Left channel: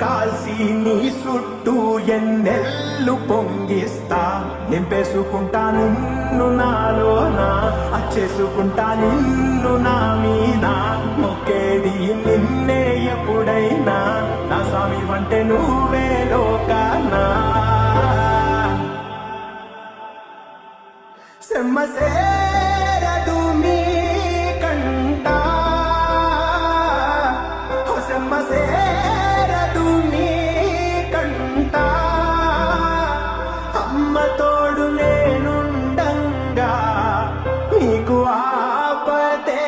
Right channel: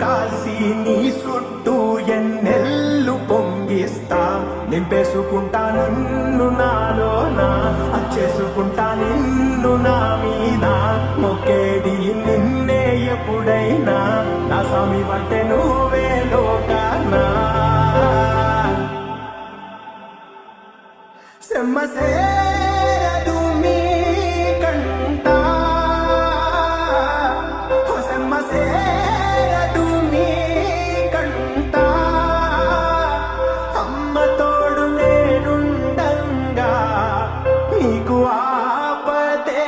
కాల్సి నీ చుట్టూ ఎన్నెల్లు పొంగిస్తా నింపేసుకుంటా నిన్ను నాలోనా అచ్చేసుకుంటా నిన్ను నా మీద మొక్కేది నిన్నే ఎప్పుడైనా నా స్వామి అంటే నువ్వే లోకానా సెమ్మసేరదు మీ కంట సెమ్మసేరదు మీ కంట అమ్మ తోడు నేనుండంగా మీకు ఆపదే